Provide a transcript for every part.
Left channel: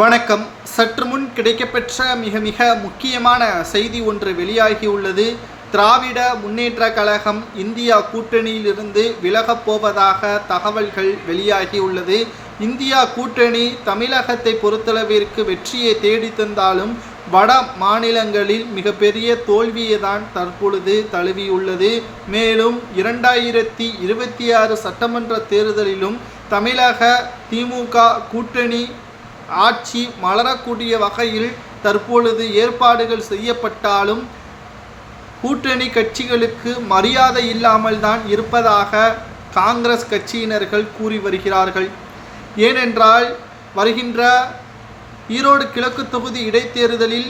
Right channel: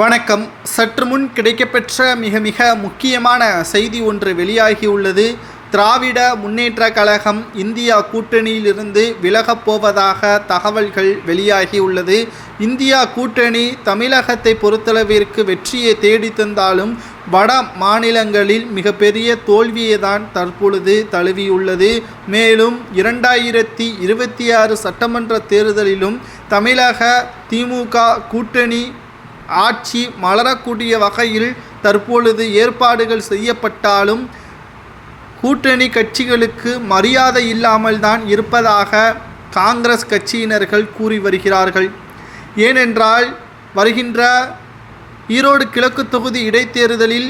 வணக்கம். சற்று முன் கிடைக்கப்பெற்ற மிக முக்கியமான செய்தி ஒன்று வெளியாகியுள்ளது. திராவிட முன்னேற்ற கழகம் இந்தியா கூட்டணியிலிருந்து விலகப் போவதாக தகவல்கள் வெளியாகியுள்ளது. இந்தியா கூட்டணி தமிழகத்தை பொறுத்தளவிற்கு வெற்றியை தேடி தந்தாலும் வட மாநிலங்களில் மிகப்பெரிய தோல்வியை தான் தற்பொழுது தழுவியுள்ளது. மேலும் 2026 சட்டமன்ற தேர்தலிலும் தமிழக திமுக கூட்டணி ஆட்சி மலரக்கூடிய வகையில் தற்பொழுது ஏற்பாடுகள் செய்யப்பட்டாலும் கூட்டணி கட்சிகளுக்கு மரியாதை இல்லாமல் தான் இருப்பதாக காங்கிரஸ் கட்சியினர்கள் கூறி வருகிறார்கள். ஏனென்றால் வருகின்ற ஈரோடு கிழக்கு தொகுதி இடைத்தேர்தலில்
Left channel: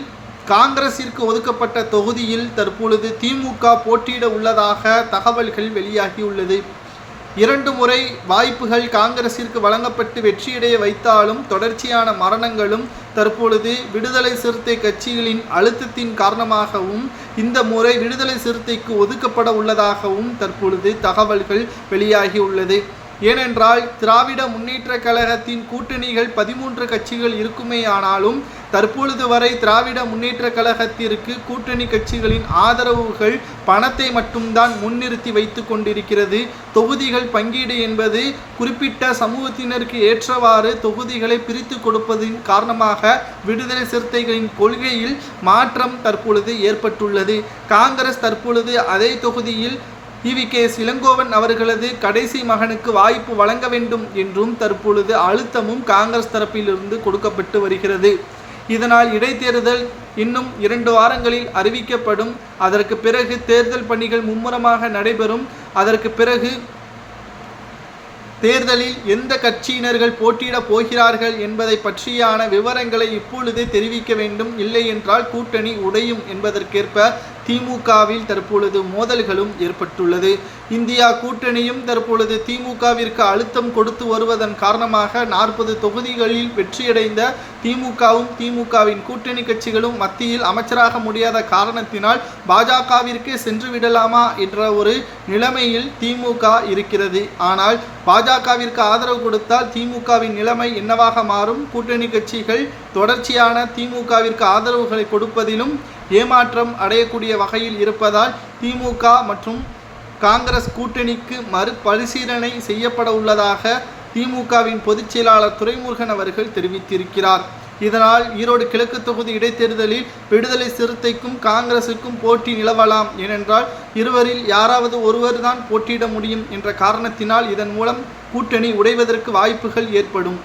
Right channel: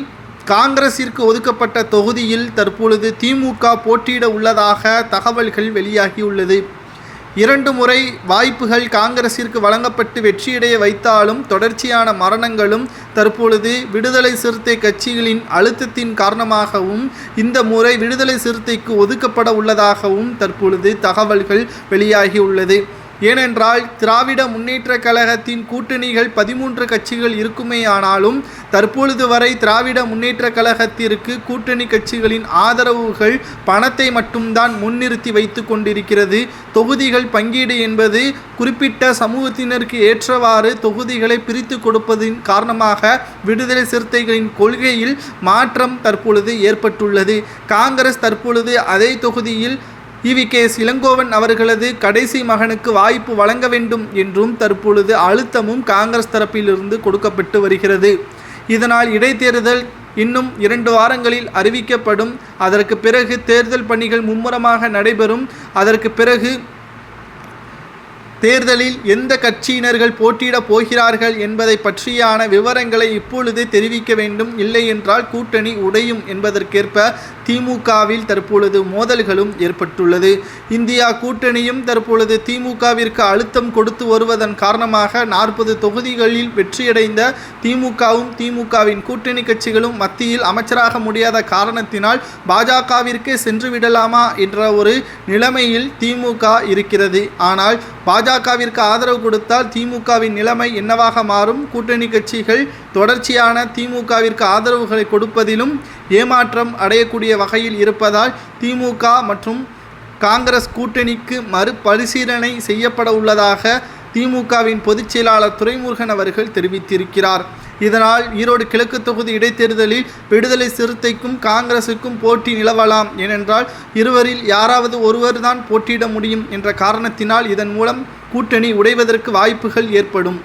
காங்கிரசிற்கு ஒதுக்கப்பட்ட தொகுதியில் தற்பொழுது திமுக போட்டியிட உள்ளதாக தகவல்கள் வெளியாகியுள்ளது. 2 முறை வாய்ப்புகள் காங்கிரசிற்கு வழங்கப்பட்டு வெற்றியடைய வைத்தாலும் தொடர்ச்சியான மரணங்களும் தற்பொழுது விடுதலை சிறுத்தை கட்சிகளின் அழுத்தத்தின் காரணமாகவும் இந்த முறை விடுதலை சிறுத்தைக்கு ஒதுக்கப்பட உள்ளதாகவும் தற்பொழுது தகவல்கள் வெளியாகியுள்ளது. ஏனென்றால் திராவிட முன்னேற்ற கழகத்தின் கூட்டணிகள் 13 கட்சிகள் இருக்குமேயானாலும் தற்பொழுது வரை திராவிட முன்னேற்ற கழகத்திற்கு கூட்டணி கட்சிகளின் ஆதரவுகள் பணத்தை மட்டும்தான் முன்னிறுத்தி வைத்து கொண்டிருக்கிறது. தொகுதிகள் பங்கீடு என்பது குறிப்பிட்ட சமூகத்தினருக்கு ஏற்றவாறு தொகுதிகளை பிரித்து கொடுப்பதின் காரணமாக விடுதலை சிறுத்தைகளின் கொள்கையில் மாற்றம் தற்பொழுது ஏற்பட்டுள்ளது. காங்கிரஸ் தற்பொழுது அதே தொகுதியில் EVKS இளங்கோவன் அவர்களது கடைசி மகனுக்கு வாய்ப்பு வழங்க வேண்டும் என்றும் தற்பொழுது அழுத்தமும் காங்கிரஸ் தரப்பிலிருந்து கொடுக்கப்பட்டு வருகிறது. இதனால் இடைத்தேர்தல் இன்னும் 2 வாரங்களில் அறிவிக்கப்படும். அதற்கு பிறகு தேர்தல் பணிகள் மும்முரமாக நடைபெறும். அதற்கு பிறகு தேர்தலில் எந்த கட்சியினர்கள் போட்டியிடப் போகிறார்கள் என்பதை பற்றியான விவரங்களை இப்பொழுதே தெரிவிக்க வேண்டும். இல்லை என்றால் கூட்டணி உடையும் என்பதற்கேற்ப திமுகவில் தற்பொழுது மோதல்களும் ஏற்பட்டுள்ளது. இந்தியா கூட்டணியும் தற்பொழுது திமுகவிற்கு அழுத்தம் கொடுத்து வருவதன் காரணமாக 40 தொகுதிகளில் வெற்றியடைந்த திமுகவும் திமுகவின் கூட்டணி கட்சிகளும் மத்தியில் அமைச்சராக முடியாத காரணத்தினால் பாஜகவிற்கே சென்று விடலாமா என்ற ஒரு நிலைமையில் திமுக இருக்கிறது. ஆனால் பாஜகவிற்கு ஆதரவு கொடுத்தால் திமுகவின் நிலைமை என்னவாக மாறும்? கூட்டணி கட்சிகள் தொடர்ச்சியான திமுகவிற்கு ஆதரவுகளை கொடுப்பதிலும் ஏமாற்றம் அடையக்கூடிய வகையில் இருப்பதால் திமுக மற்றும் காங்கிரஸ் கூட்டணிக்கு மறுபரிசீலனை செய்யப்பட உள்ளதாக திமுகவின் பொதுச் செயலாளர் துரைமுருகன் அவர்கள் தெரிவித்திருக்கிறார். இதனால் ஈரோடு கிழக்கு தொகுதி இடைத்தேர்தலில் விடுதலை சிறுத்தைக்கும் காங்கிரசுக்கும் போட்டி நிலவலாம். ஏனென்றால் இருவரில் யாராவது ஒருவர் தான் போட்டியிட முடியும் என்ற காரணத்தினால் இதன் மூலம் கூட்டணி உடைவதற்கு வாய்ப்புகள் ஏற்படும்.